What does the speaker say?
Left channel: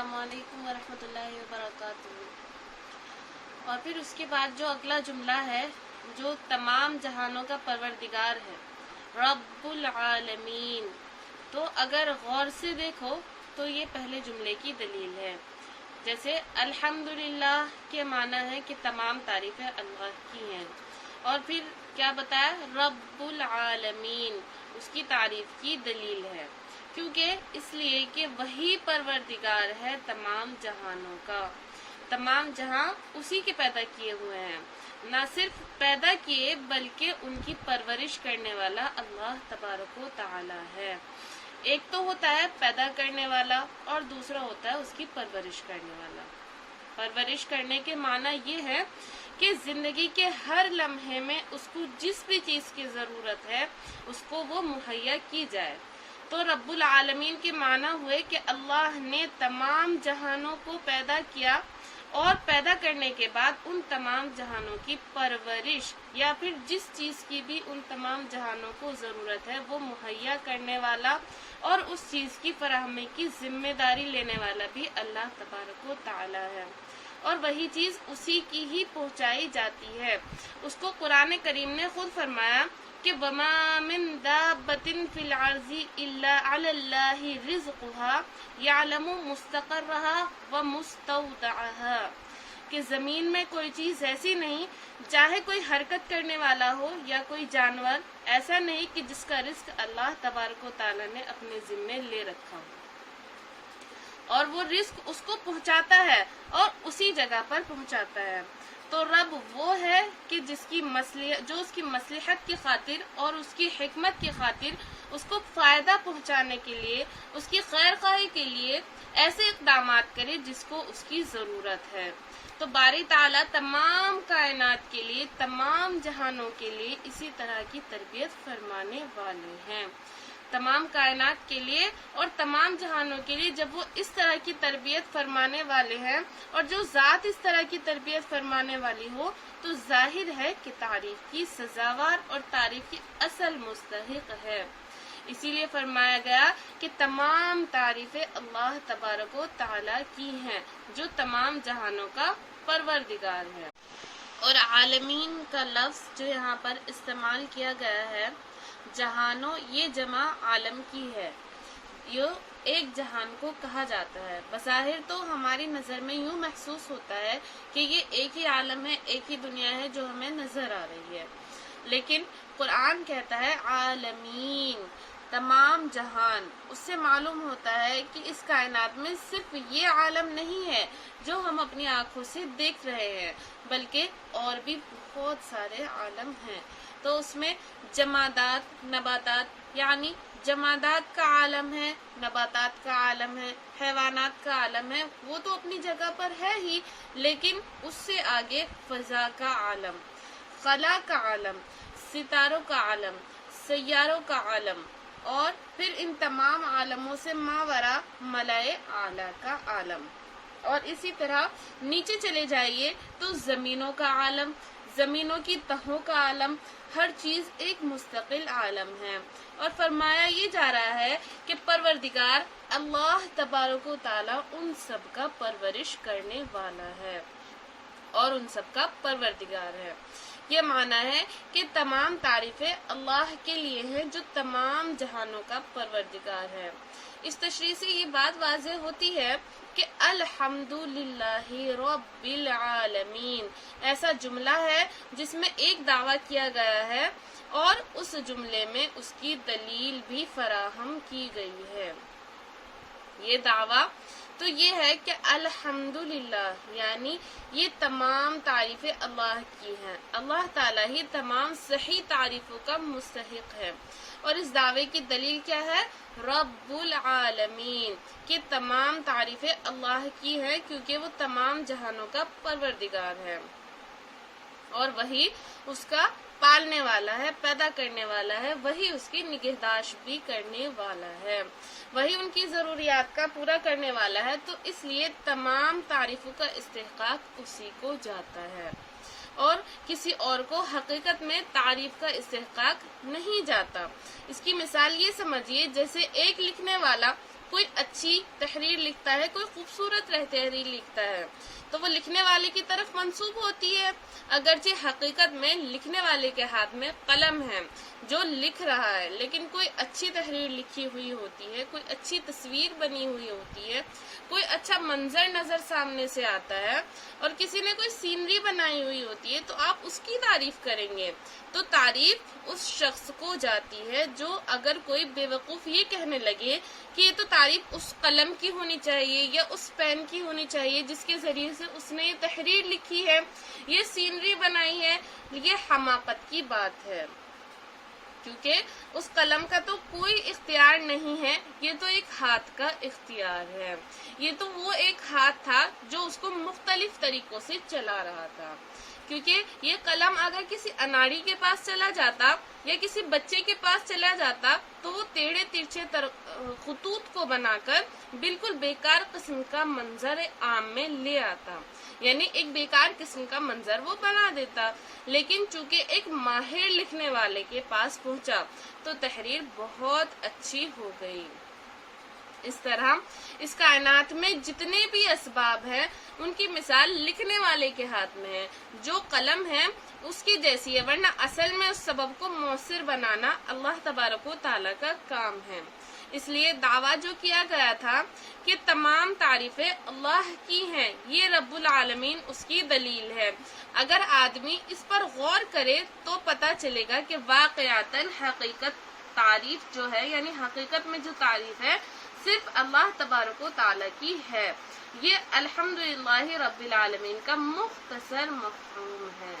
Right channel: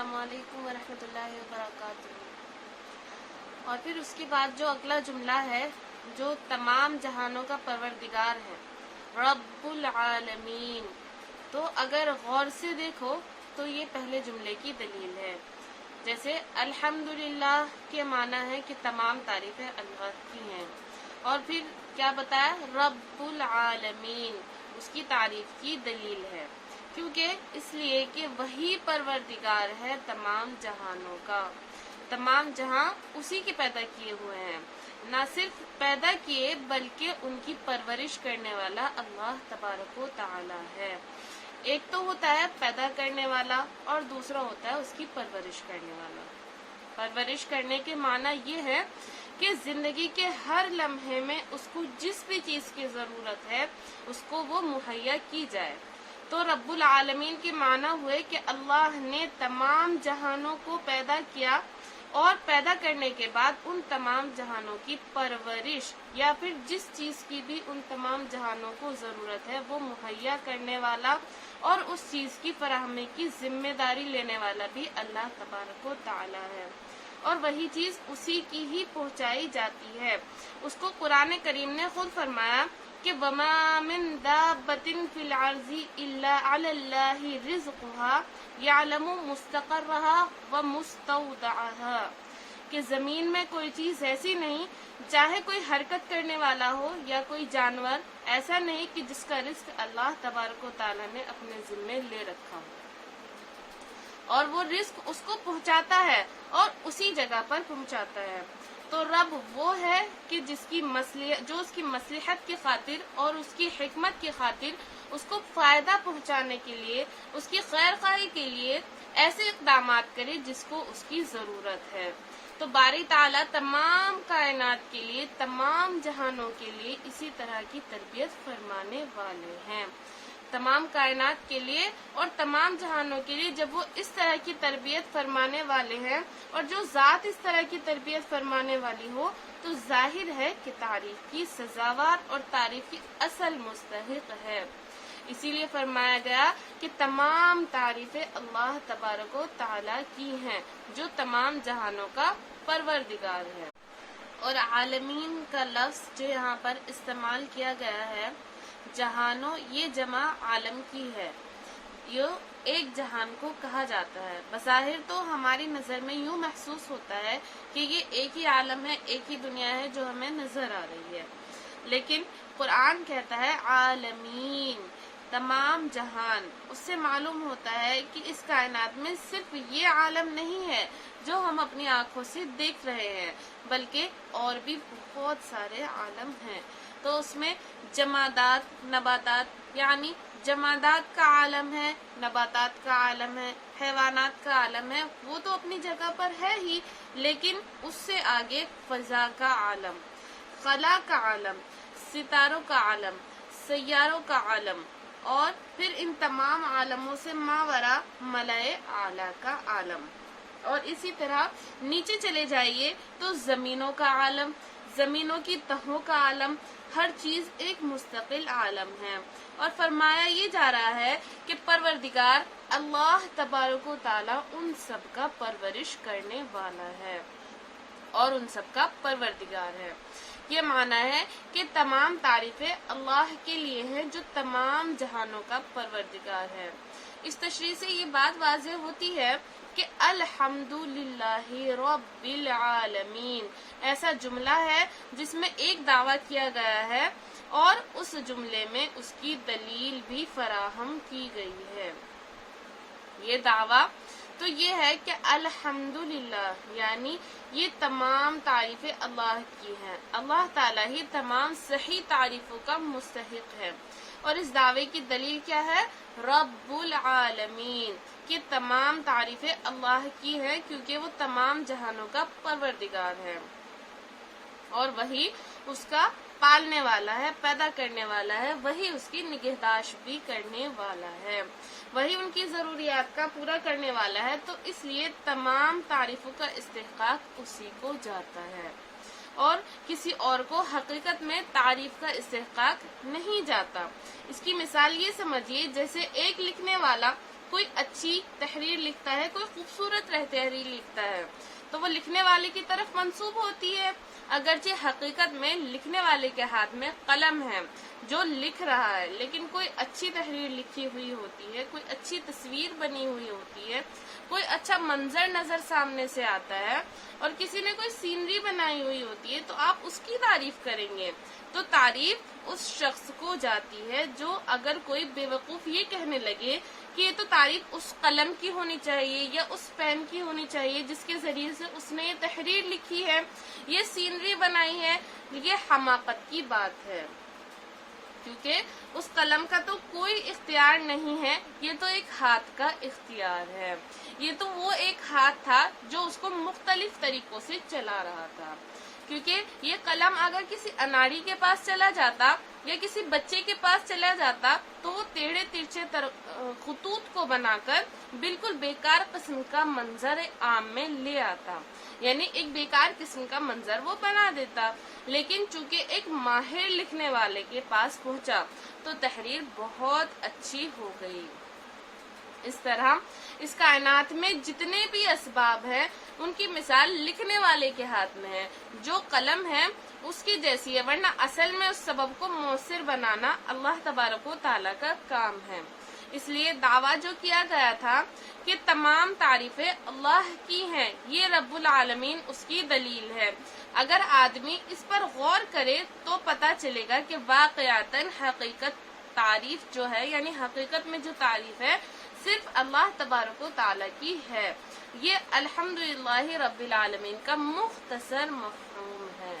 السلام علیکم ورحمۃ اللہ وبرکاتہ۔ اور پھر اس کے بعد جو اگلا جملہ ہے، جو تمام جہانوں کا پروردگار ہے، رب العالمین، تو اگر غور سے دیکھو تو یہ پہلے جملے کی دلیل ہے۔ جیسے الحمدللہ کے معنی ہے کہ تمام تعریفیں اللہ کی ہیں، اور پھر کیا بتایا، رب العالمین، اس کی تعریف کی دلیل ہے، کیونکہ اس لیے کہ وہی پروردگار ہے تمام جہانوں کا۔ تمام جہاں اسی کے پیدا کیے ہوئے ہیں، نہ صرف پیدا کیے بلکہ ان کی پرورش کرنے والا اللہ تبارک و تعالی ہے۔ ایک تو ہوتا ہے پیدا کرنے والا اور دوسرا ہوتا ہے اس کی پرورش کرنے والا۔ پرورش کرنے کے معنی یہ ہے کہ زندگی کے ہر لمحے میں اس کو جس بھی چیز کی ضرورت ہے اس کو وہ مہیا کی جائے۔ تو رب العالمین کے معنی ہوئے کہ اللہ نے تمام جہانوں کو پیدا کیا اور پیدا کرنے کے بعد ان تمام جہانوں کی پرورش یا پھر جس چیز کی بھی ان تمام جہانوں کو ضرورت ہے وہ مہیا کرنے والا اور اس چیز کی فراہمی کی ذمہ داری لینے والا بھی اللہ تبارک و تعالی ہے، اور وہی چیز اسی کی ہی پہنچائی جاتی ہے۔ اس کو قرآن کریم نے خود فرمایا کہ وَمَا مِن دَابَّةٍ فِي الْأَرْضِ إِلَّا عَلَى اللَّهِ رِزْقُهَا يَعْلَمُ مُسْتَقَرَّهَا وَمُسْتَوْدَعَهَا، کہ زمین میں کوئی چیز ایسی نہیں، چاہے کوئی حرکت کرنے والا ہو یا کوئی جانور، ایسا نہیں کہ جس کا رزق اللہ تبارک و تعالیٰ نے اپنے ذمے لے رکھا ہو، اور وہ رزق اس کو پہنچاتا ہے اور اسی جگہ پر پہنچاتا ہے۔ تو رب وہ ہے کہ جو اس کی مصلحت کی خاطر اور اس کی حکمت کی خاطر اس کو فائدہ پہنچانے کے لیے، اس کی خیر خواہی کے لیے ایسے اقدامات کرے جس کو اس کی ضرورت ہے۔ تو باری تعالیٰ تمام کائنات کے لیے، تمام جہانوں کے لیے اسی طرح کی تربیت فرمانے والے ہیں۔ تمام کائنات کے لیے اور تمام جہانوں کے لیے جب وہ اس طرح کی تربیت فرمانے والے ہیں، اور جو ذات اس طرح کی تربیت فرمانے والی ہو، تو ظاہر ہے کہ تعریف کی سزاوار اور تعریف کی اصل مستحق ہے۔ اسی لیے فرمایا گیا کہ تمام تعریفیں اللہ تبارک و تعالیٰ کی ہیں، جو تمام جہانوں کا پروردگار ہے۔ اور عالمین کا لفظ جو یہاں پر استعمال کیا گیا ہے، جہانوں، یہ جمع عالم کی ہے، یہ ایک جہان کو کہا جاتا ہے۔ بظاہر تو ہماری نظر میں یوں محسوس ہوتا ہے کہ یہ ایک ہی عالم ہے، ایک ہی دنیا ہے جو ہمیں نظر آ رہی ہے، لیکن قرآن کہتا ہے عالمین، تمام جہان۔ اس سے معلوم ہوتا ہے کہ اس کائنات میں صرف یہ عالم نہیں ہے جو ہم اپنی آنکھوں سے دیکھ رہے ہیں، بلکہ اور بھی بہت سارے عالم ہیں۔ تو اس میں جمادات، نباتات، یعنی جمادات کا عالم ہے، نباتات کا عالم ہے، حیوانات کا عالم ہے، وہ تو اپنی جگہ پر ہے ہی، لیکن اس سے آگے فضا کا عالم، خلا کا عالم، ستاروں کا عالم، سیاروں کا عالم، اور پھر ان تمام عالموں سے ماورا ملائے اعلیٰ کا عالم۔ اور اسی طرح نیچے چلے جائیے تو زمینوں کا عالم، زمینوں کی تہوں کا عالم، ہر چیز ایک مستقل عالم ہے۔ اور فرمایا یہ جا رہا ہے کہ پروردگار اللہ تبارک و تعالیٰ ان سب کا پرورش کرنے والا ہے اور ان سب کا پروردگار ہے۔ یہ معنی ہے کہ تمام تعریفیں اللہ کے لیے ہیں جو تمام جہانوں کا پروردگار ہے۔ اس تشریح سے یہ بات واضح ہوتی ہے کہ الحمدللہ رب العالمین ایسا جملہ ہے جس میں ایک دعویٰ کیا گیا ہے اور اس جملے میں اس کی دلیل بھی فراہم کی گئی ہے۔ یہ دعویٰ تو یہ ہے کہ الحمدللہ، یعنی یہ تمام تعریفیں اللہ کی ہیں، اللہ تعالیٰ ہی تمام صحیح تعریفوں کا مستحق ہے۔ اور اس دعوے کی دلیل کیا ہے؟ رب العالمین، کہ تمام تعریفیں اللہ کی ہیں کیونکہ وہ تمام جہانوں کا پروردگار ہے، اور وہی اس کا پالنے والا ہے، پیدا کرنے والا ہے، وہی اس کی نگہداشت بھی کرنے والا ہے، وہی ان کی ضروریات کا پورا کرنے والا ہے۔ تو اس لیے تمام تعریفوں کا استحقاق اسی کو جاتا ہے، اور کسی اور کو حقیقت میں تعریف کا استحقاق نہیں جاتا۔ اس کی مثال یہ سمجھیے جیسے ایک لکھنے والا کوئی اچھی تحریر لکھتا ہے، کوئی خوبصورت تحریر لکھتا ہے تو وہ لکھنے والے کی طرف منسوب ہوتی ہے، اگرچہ حقیقت میں لکھنے والے کے ہاتھ میں قلم ہے جو لکھ رہا ہے، لیکن کوئی اچھی تحریر لکھی ہوئی ہوتی ہے، کوئی اچھی تصویر بنی ہوئی ہوتی ہے، کوئی اچھا منظر نظر سامنے سے آتا ہے اور کسی نے کوئی سینری بنائی ہوئی ہوتی ہے تو آپ اس کی تعریف کریں گے، تو تعریف اس شخص کو جاتی ہے جو اگر کوئی بے وقوف یہ کہنے لگے کہ یہ تو تعریف اس قلم کی ہونی چاہیے یا اس پین کی ہونی چاہیے جس کے ذریعے سے اس نے یہ تحریر لکھی ہے، یہ سینری بنائی ہے، یہ حماقت کی بات ہے، کیونکہ اس قلم کا تو کوئی اختیار نہیں ہے، یہ تو ایک ہاتھ کا اختیار ہے، یہ تو وہ ایک ہاتھ تھا جو اس کو مختلف طریقوں سے چلا رہا تھا، کیونکہ یہ قلم اگر کسی اناڑی کے پاس چلا جاتا یا کسی بچے کے پاس چلا جاتا تو وہ ٹیڑھے ترچھے خطوط کو بنا کر بالکل بیکار قسم کا منظر عام میں لے آتا، یعنی ایک بیکار قسم کا منظر وہ بنا دیتا، لیکن چونکہ ایک ماہر لکھنے والے کے پاس پہنچا تو تحریر بہت اچھی ہو گئی۔ اس طرح اس کائنات میں جتنے بھی اسباب ہیں ان کی مثال لکھنے والے کے ہاتھ میں ہے، جو قلم ہے اس کی جیسی ہے، ورنہ اصل میں اس سبب کو مؤثر بنانا اللہ تبارک و تعالیٰ کا کام ہے۔ اس لیے دعویٰ جو کیا گیا تھا کہ تمام تعریفیں اللہ کی ہیں، یہ رب العالمین اس کی دلیل ہے، اگر آدمی اس پر غور کرے تو پتہ چلے گا کہ واقعتاً حقیقت تعریف جو ہے، یعنی حقیقت میں جو تعریف ہے صرف اللہ تبارک و تعالیٰ کی ہے، یہ الحمدللہ رب العالمین کا مختصر مفہوم ہے۔